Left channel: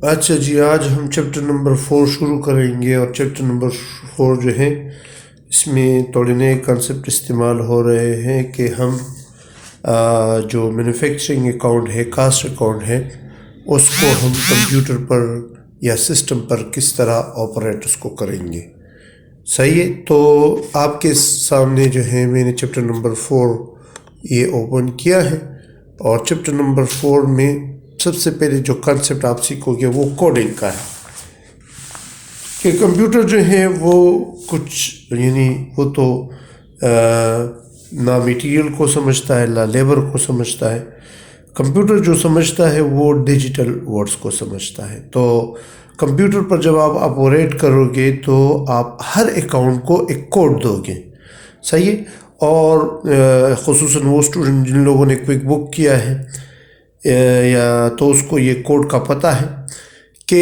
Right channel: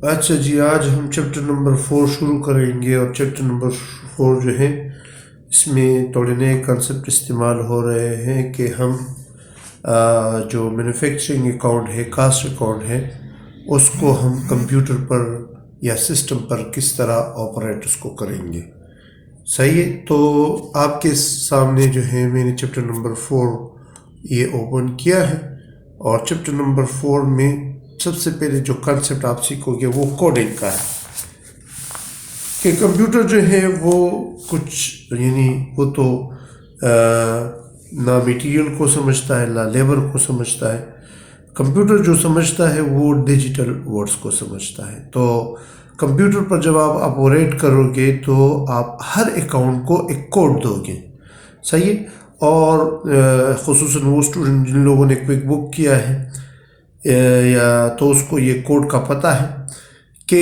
अच्छा जी, आज हम चैप्टर नंबर 4 शुरू करेंगे और चैप्टर नंबर 4 जो है इसमें थोड़े नए कंसेप्ट इस्तेमाल हो रहे हैं कि हम जो मैन्युफैक्चरिंग अकाउंट है, कास्ट अकाउंट है, उसको हम कंप्यूटर पर या सिस्टम पर किस तरह ऑपरेट उसको करेंगे। सही है, तो आपके सामने जो है मैंने चैप्टर नंबर 4 ये ओपन किया है और चैप्टर नंबर 4 में सबसे पहले जो कॉन्सेप्ट आप सीखोगे वो कोडिंग का है कि कंप्यूटर जो है वो कुछ यानी वो तो ना मटेरियल को समझता है ना लेबर को समझता है। कंप्यूटर जो समझता है वो डिजिटल वर्ड्स को समझता है। तो कंप्यूटर पर जब आप ऑपरेट करोगे तो आप हर अकाउंट को एक कोड दोगे। सही है। और ख़ुसूसन वो स्टूडेंट जिन लोगों ने क्विक बुक किया है या तो उसको ये कोड का पता है कि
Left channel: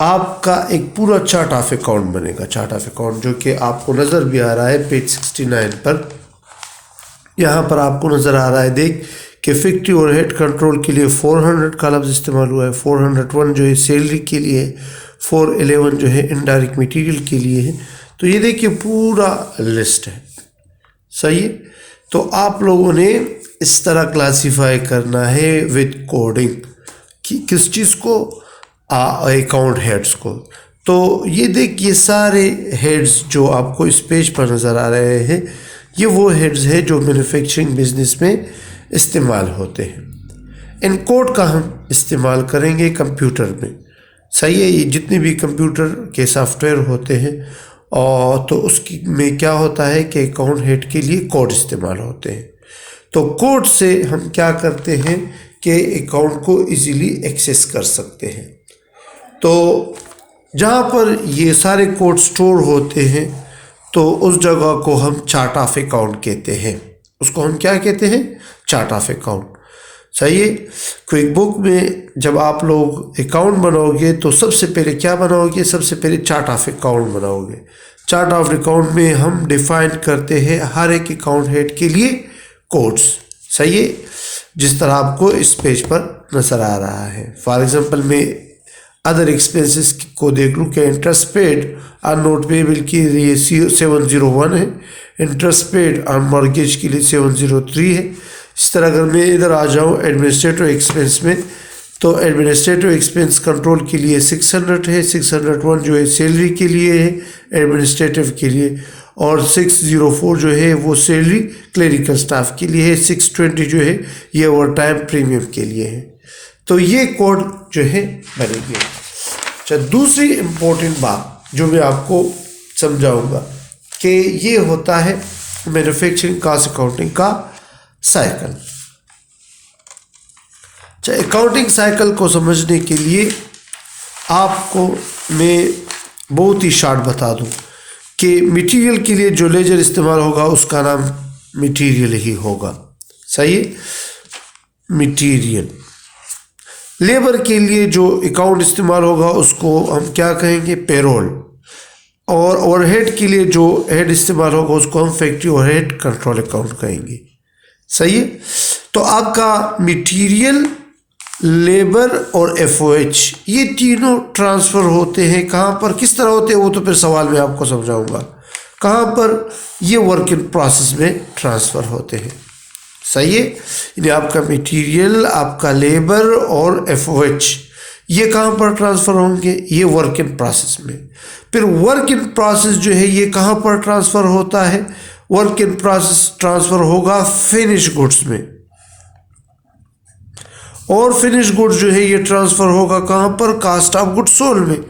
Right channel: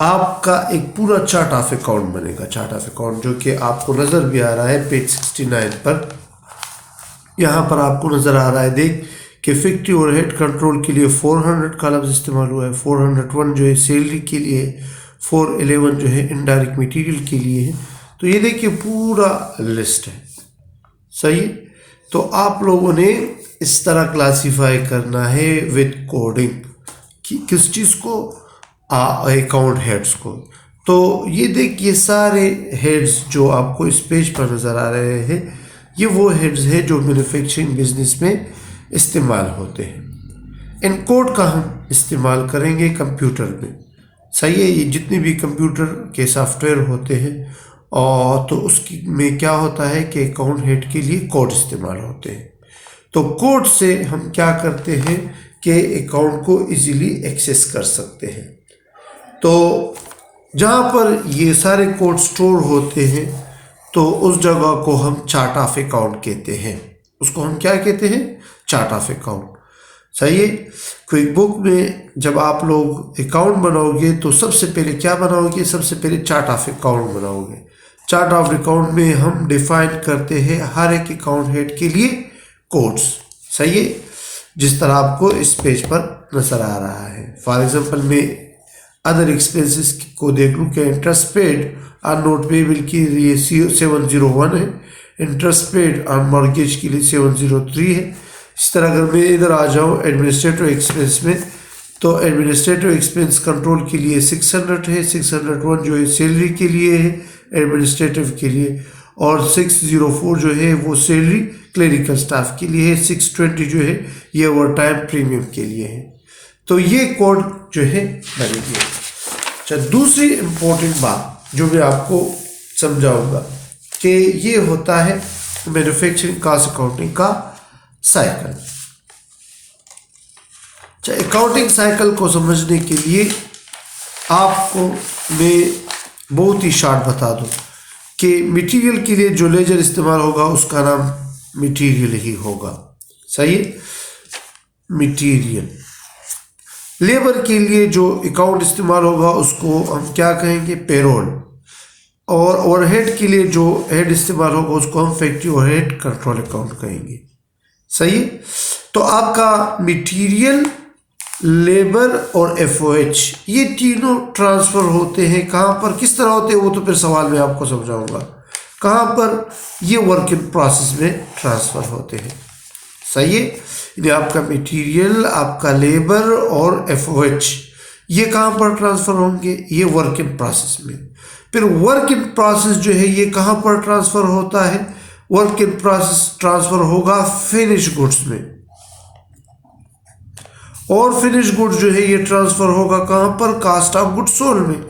आपका एक पूरा चार्ट ऑफ अकाउंट बनेगा। चार्ट ऑफ अकाउंट जो कि आपको नज़र भी आ रहा है पेज 69 पर। यहाँ पर आपको नज़र आ रहा है देख कि फैक्ट्री और हेड कंट्रोल के लिए 400 का लफ्ज़ इस्तेमाल हुआ है। 401 जो है सैलरी के लिए है, 411 जो है इनडायरेक्ट मटेरियल के लिए है। तो ये देखिए पूरा लिस्ट है। सही है। तो आप लोगों ने इस तरह क्लासीफाई करना है विद कोडिंग कि किस चीज़ को, अकाउंट हेड्स को। तो ये देखिए सारे हेड्स जो आपको इस पेज पर नज़र आ रहे हैं ये वो हेड्स हैं जो मैन्युफैक्चरिंग बिजनेस में इस्तेमाल होते हैं। इन कोड का हम इस्तेमाल करेंगे कंप्यूटर में। सही है। ये जितने भी कंप्यूटर के सॉफ्टवेयर होते हैं और तो उसकी में क्या होता है कि अकाउंट हेड के लिए कोड इस्तेमाल होते हैं। तो कोड से हम क्या करते हैं कि अकाउंट को इजीली एक्सेस कर सकते हैं। तो जहाँ पर ये सारे कोड स्टोर होते हैं तो उस जगह को हम चार्ट ऑफ अकाउंट कहते हैं। उसको हम क्या कहते हैं? Chart of account. सही है। क्विक बुक में जब आप लोग अकाउंट बनाओगे तो सबसे पहले क्या बनाओगे? सबसे पहले चार्ट ऑफ अकाउंट बनाओगे। चार्ट ऑफ अकाउंट में हम डिफाइन करते हैं हर एक अकाउंट हेड के लिए कोड्स। सही है। जिस तरह आपको इस पेज पर नज़र आ रहा है। फॉर एग्जांपल मैं अदर एक्सपेंसेस को देख लूँ कि interest paid on note payable के लिए 701 है, इंटरेस्ट पेड ऑन मॉर्गेज के लिए 703 है। इस तरह अगर मैं इधर आ जाऊँ एडमिनिस्ट्रेटिव एक्सपेंस में तो एडमिनिस्ट्रेटिव एक्सपेंस कंट्रोल के लिए 600 है, 601 जो है सैलरी के लिए है एडमिनिस्ट्रेटिव के लिए, और 604 जो है वो सैलरी क्लरिकल स्टाफ के लिए है, 620 जो है ये ओवर टाइम प्रीमियम के लिए है। तो ये कोड जो है बनेगी। अच्छा, दूसरी इम्पोर्टेंट बात जो मैं आपको समझाऊंगा कि ये होता है मैन्युफैक्चरिंग कॉस्ट अकाउंटिंग का साइकिल। अच्छा, अकाउंटिंग साइकिल को समझने के लिए आपको मैं बहुत ही शॉर्ट बता दूं कि मटेरियल के लिए जो लेजर इस्तेमाल होगा उसका नाम मटेरियल ही होगा। सही है। मटेरियल। लेबर के लिए जो अकाउंट इस्तेमाल होगा उसको हम क्या कहेंगे? पेरोल। और ओवरहेड के लिए जो हेड इस्तेमाल होगा उसको हम फैक्ट्री ओवरहेड कंट्रोल अकाउंट कहेंगे। सही है। तो आपका मटेरियल, लेबर और एफओएच ये तीनों ट्रांसफ़र होते हैं। कहाँ पर, किस तरह होते हैं वो तो फिर सवाल में आपको समझाऊंगा। कहाँ पर? ये वर्क इन प्रोसेस में ट्रांसफ़र होते हैं। सही है। यानी आपका मटेरियल, आपका लेबर और एफओएच ये कहाँ पर ट्रांसफ़र होंगे? ये वर्क इन प्रोसेस में। फिर वर्क इन प्रोसेस जो है ये कहाँ पर ट्रांसफ़र होता है? वर्क इन प्रोसेस ट्रांसफ़र होगा फिनिश गुड्स में, और फिनिश गुड्स जो है ये ट्रांसफ़र होगा कहाँ पर? कास्ट ऑफ गुड्स सोल्ड में,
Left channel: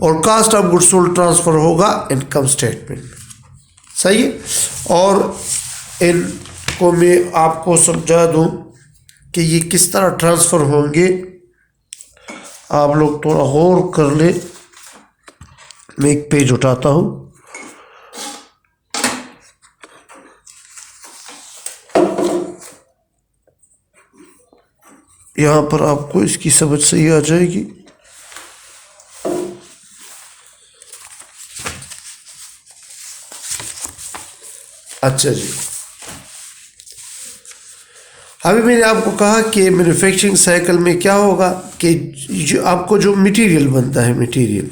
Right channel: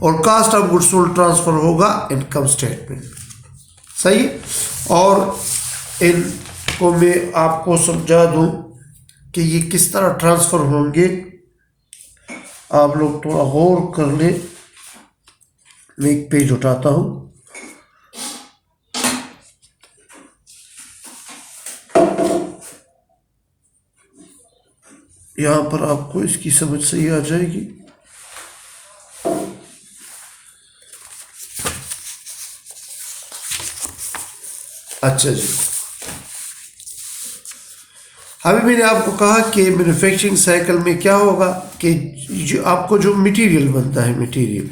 और cost of goods sold transfer होगा इनकम स्टेटमेंट में। सही। और इनको मैं आपको समझा दूँ कि ये किस तरह ट्रांसफ़र होंगे। आप लोग थोड़ा गौर कर ले। मैं एक पेज उठाता हूँ। यहाँ पर आपको इसकी समझ सही आ जाएगी। अच्छा जी, अभी मैंने आपको कहा कि मैन्युफैक्चरिंग साइकिल में क्या होगा कि जो आपको जो मटेरियल बनता है, मटेरियल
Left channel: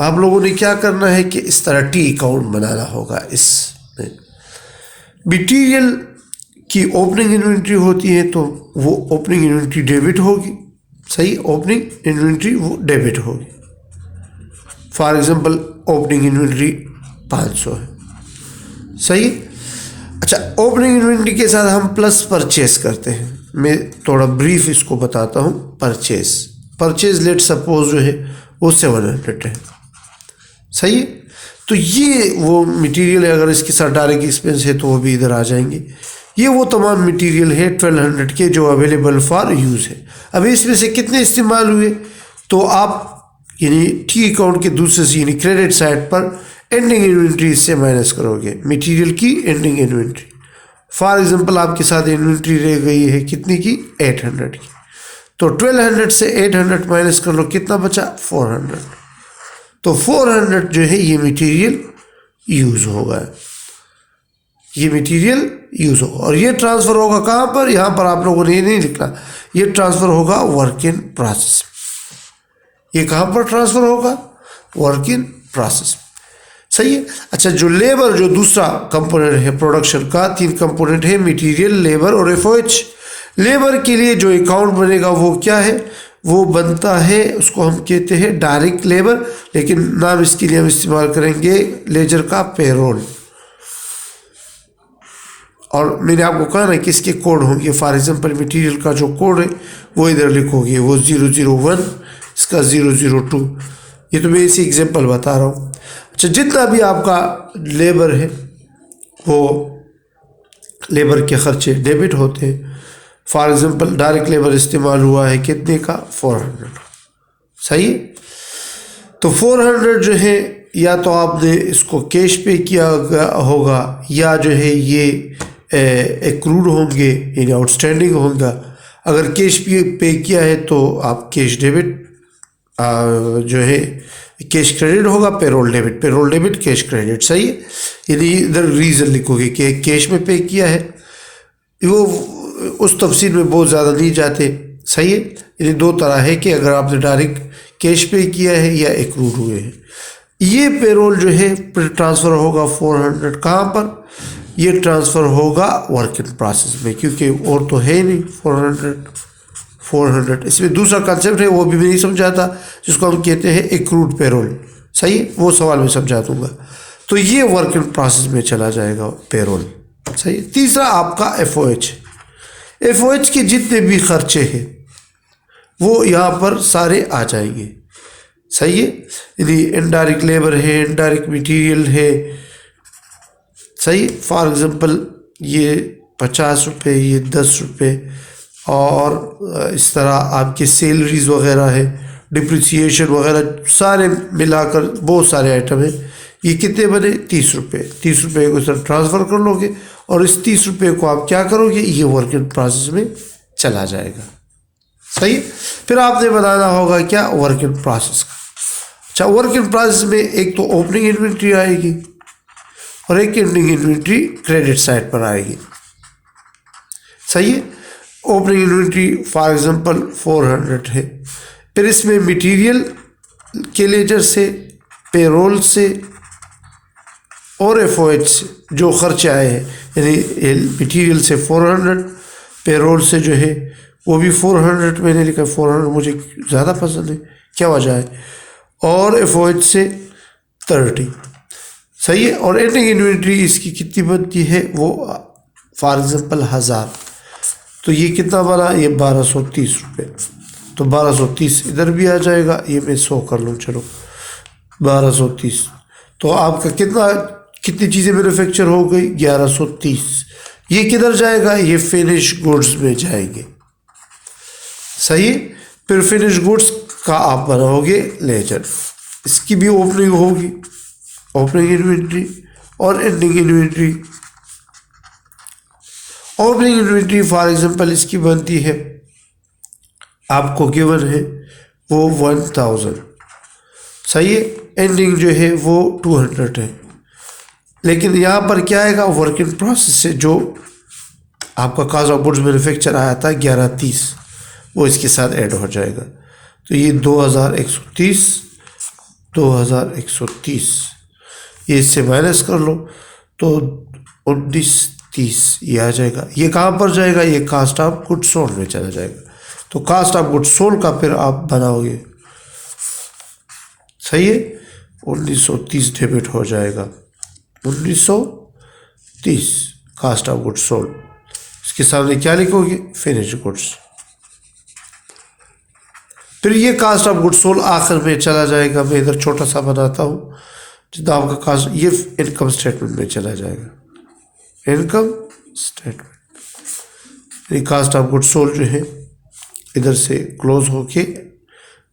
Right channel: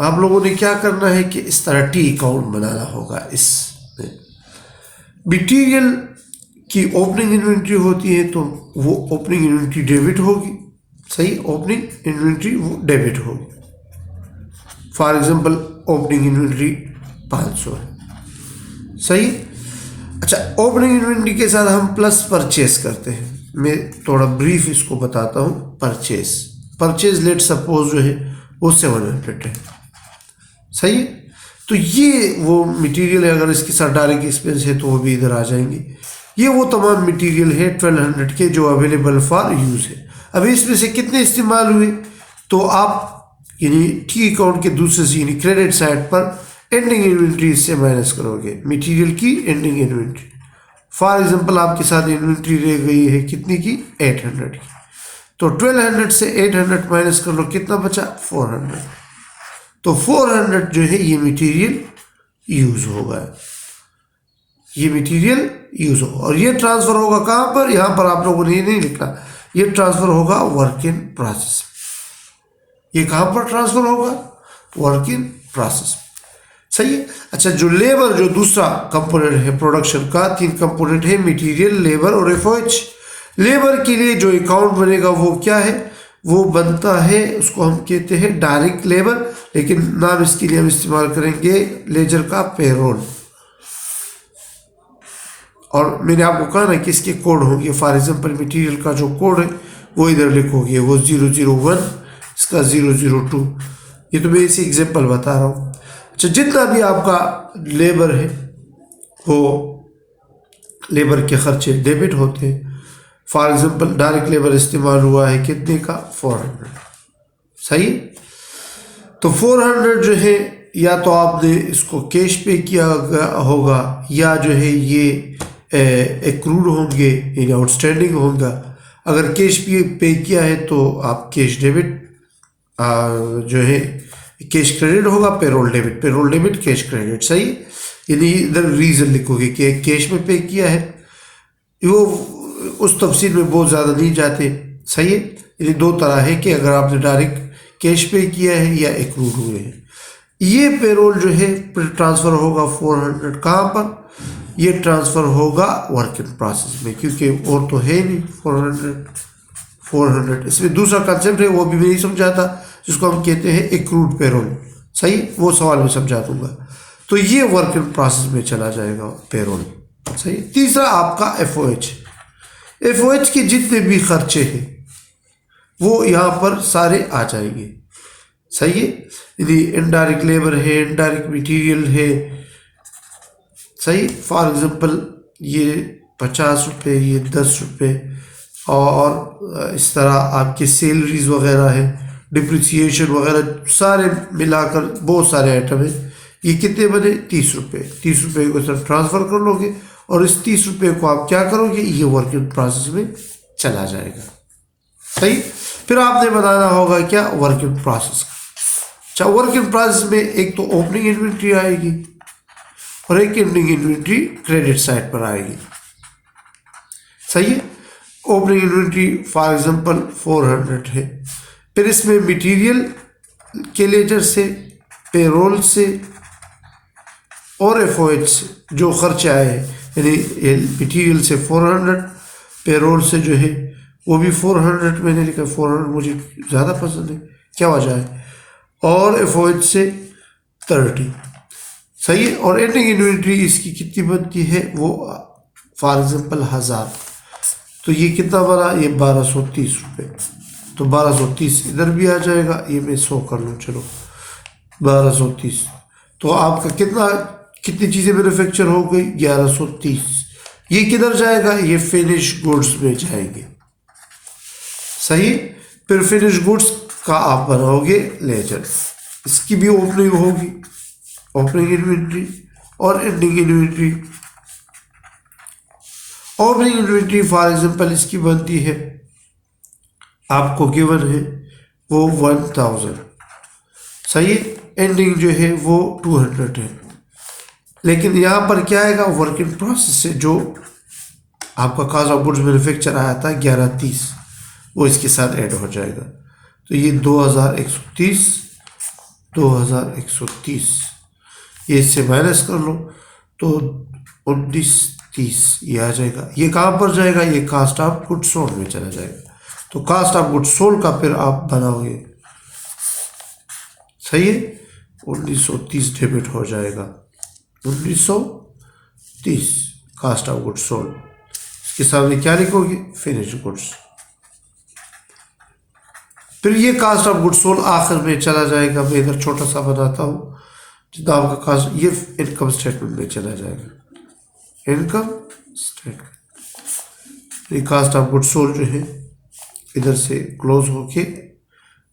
आप लोगों ने क्या करना है कि इस तरह टी अकाउंट बनाना होगा। इसमें मटेरियल की ओपनिंग इन्वेंट्री होती है तो वो ओपनिंग इन्वेंट्री डेबिट होगी, सही, ओपनिंग इन्वेंट्री वो डेबिट होगी। फॉर एग्जांपल ओपनिंग इन्वेंट्री 500 है, सही। अच्छा, ओपनिंग इन्वेंट्री के साथ हम प्लस परचेस करते हैं। मैं थोड़ा ब्रीफ इसको बताता हूँ। परचेज लेट सपोज जो है वो 700 है, सही है। तो ये वो मटेरियल है, अगर इसके साथ डायरेक्ट एक्सपेंस है तो वो भी इधर आ जाएंगे। ये वो तमाम मटेरियल है 1200 के जो अवेलेबल फॉर यूज़ है। अब इसमें से कितने इस्तेमाल हुए तो आप यानी टी अकाउंट के दूसरे से यानी क्रेडिट साइड पर एंडिंग इन्वेंट्री से माइनस करोगे मटेरियल की एंडिंग इन्वेंट्री। फॉर एग्जांपल आपके साथ इन्वेंट्री रह गई है कितनी की, 800 की, तो 1200 से 800 माइनस कर लो, कितना बचा, 400। तो 400 जो है ये मटेरियल यूज़ होगा, ये मटेरियल यूज़ होगा। और ये ट्रांसफ़र होगा कहाँ पर, यहाँ पर आप लोगों ने ये नहीं लिखना, ये ट्रांसफ़र होगा वर्क इन प्रोसेस। ये कहाँ पर ट्रांसफ़र होगा, वर्क इन प्रोसेस, सही है। अच्छा, जो लेबर जो दूसरा कंपोनेंट है प्रोडक्शन का, 3 कंपोनेंट है, मटेरियल, लेबर और एफओएच। लेबर के लिए जो अकाउंट बनेगा वो क्या है, वो बनता है, उसको हम कहते हैं डायरेक्ट लेबर, लेकिन नाम इसके लिए हम इस्तेमाल करेंगे लेजर का पेरोल। और मैंने आपको कहा ना कि इसके कोड होंगे। फॉर एग्जांपल मटेरियल का जो कोड है वो इधर लिखोगे, वो 001, इसका 002। ये तो मैं इसी एग्जांपल बता रहा हूँ। अच्छा, जितना भी आपका लेबर है वो लेबर के खर्चे डेबिट होते हैं। फॉर एग्जांपल डायरेक्ट लेबर इस्तेमाल हुआ है कितने का, 400, सही। तो 400 जो है या तो आपने इसको कैश पे किया होगा या जो है ये एक्रूड होंगे यानी आउटस्टैंडिंग होगा। अगर कैश पे किया है तो आप कैश डेबिट जो है कैश क्रेडिट होगा, पेरोल डेबिट कैश क्रेडिट, सही। यदि इधर रीज़न लिखोगे कि कैश में पे किया है, वो उस तफसील में बहुत ज़्यादा नहीं जाते, सही है। यदि 2 तरह है कि अगर आपने डायरेक्ट कैश पे किया है या एक्रूड हुए हैं। ये पेरोल जो है ट्रांसफ़र होगा 400 कहाँ पर, ये ट्रांसफ़र होगा वर्क इन प्रोसेस में, क्योंकि और तो है नहीं 400। इसमें दूसरा कंसेप्ट है वो भी नहीं समझा था, जिसको हम कहते हैं एक्रूड पेरोल, सही, वो सवाल में समझा दूंगा। तो ये वर्क इन प्रोसेस में चला जाएगा पेरोल, सही। तीसरा आपका एफओएच के जितने भी खर्चे हैं वो यहाँ पर सारे आ जाएंगे, सही है। यदि इनडायरेक्ट लेबर है, इनडायरेक्ट मटेरियल है, सही। फॉर एग्जांपल ये 50 रुपये, ये 10 रुपये, और इस तरह आपके सैलरीज वगैरह है, डिप्रिसिएशन वगैरह सारे मिलाकर बहुत सारे आइटम हैं। ये कितने बने, 30 रुपये। 30 रुपये को सर ट्रांसफ़र कर लोगे और इस 30 रुपये को आप क्या करोगे, ये वर्क इन प्रोसेस में चला जाएगा, सही। फिर आपने बनाना होगा क्या, वर्क इन प्रोसेस। अच्छा, वर्क इन प्रोसेस में एक तो ओपनिंग इन्वेंट्री आएगी और एक एंडिंग इन्वेंट्री क्रेडिट साइड पर आएगी, सही है। ओपनिंग इन्वेंट्री फॉर एग्जांपल 400 है, फिर इसमें मटेरियल के लेजर से, पेरोल से और एफओएच से जो खर्चे आए हैं, यानी मटेरियल से 400, पेरोल से जो है वो भी 400, मैंने लिखा 400 मुझे ज़्यादा पसंद है, क्या वजह है, और एफओएच से 30, सही है। और एंडिंग इन्वेंट्री इसकी कितनी बनती है, वो फॉर एग्जांपल 1000, तो ये कितना बना, ये 1230 रुपये। तो 1230 इधर भी आ जाएगा, ये मैं 100 कर लूँ, चलो 1230। तो आपका कितनी चीज़ें मैन्युफैक्चर हो गई, 1130। ये किधर जाएगा, ये फिनिश गुड्स में जाएंगे, सही। फिर फिनिश गुड्स का आप बनाओगे लेजर, इसकी भी ओपनिंग होगी, ओपनिंग इन्वेंट्री और ending inventory. Opening inventory for example इसकी बनती है, आपको गिवन है वो 1000, सही है। एंडिंग जो है वो 200 है, लेकिन यहाँ पर क्या आएगा, वर्क इन प्रोसेस से जो आपका कॉस्ट ऑफ गुड्स मैन्युफैक्चर आया था 1130, वो इसके साथ ऐड हो जाएगा। तो ये 2130, 2130 ये इससे माइनस कर लो तो 1930 ये आ जाएगा। ये कहाँ पर जाएगा, ये कास्ट ऑफ गुड्स सोल्ड में चला जाएगा। तो कास्ट ऑफ गुड्स सोल्ड का फिर आप बनाओगे, सही है, 1930 डेबिट हो जाएगा, 1930 कास्ट ऑफ गुड्स सोल्ड। इसके सामने क्या लिखोगे, फिनिश गुड्स। फिर ये कास्ट ऑफ गुड्स सोल्ड आखिर में चला जाएगा। मैं इधर छोटा सा बनाता हूँ, जितना आपका कास्ट, ये इनकम स्टेटमेंट में चला जाएगा, income statement. Cost of goods sold जो है इधर से क्लोज होके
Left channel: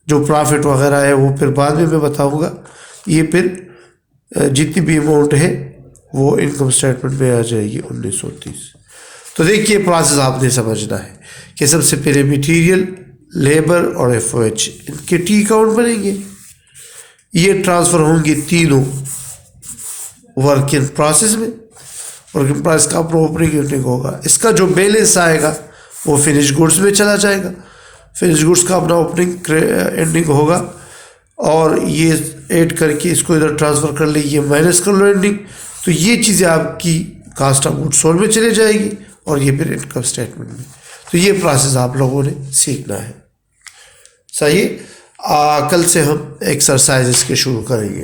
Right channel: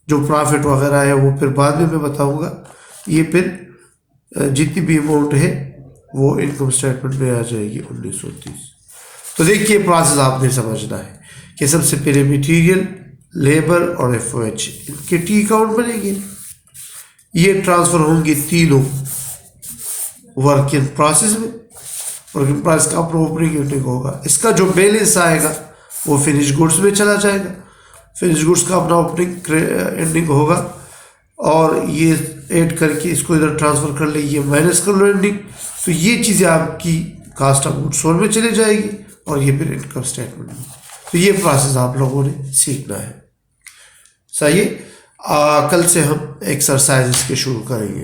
जो प्रॉफिट वगैरह है वो फिर बाद में मैं बताऊंगा। ये फिर जितनी भी अमाउंट है वो इनकम स्टेटमेंट में आ जाएगी 1930। तो देखिए प्रोसेस आपने समझना है कि सबसे पहले मटेरियल, लेबर और एफओएच इनके टी अकाउंट बनेंगे। ये ट्रांसफ़र होंगे तीनों वर्क इन प्रोसेस में। वर्क इन प्रोसेस का ओपनिंग यूनिट होगा, इसका जो बैलेंस आएगा वो फिनिश गुड्स में चला जाएगा। फिनिश गुड्स का अपना ओपनिंग एंडिंग होगा और ये ऐड करके इसको इधर ट्रांसफ़र कर ले, ये माइनस कर लो एंडिंग। तो ये चीज़ें आपकी कास्ट ऑफ गुड्स सोल्ड में चली जाएगी और ये फिर इनकम स्टेटमेंट में। तो ये प्रोसेस आप लोगों ने सीखना है, सही है। कल से हम एक्सरसाइज के शुरू करेंगे।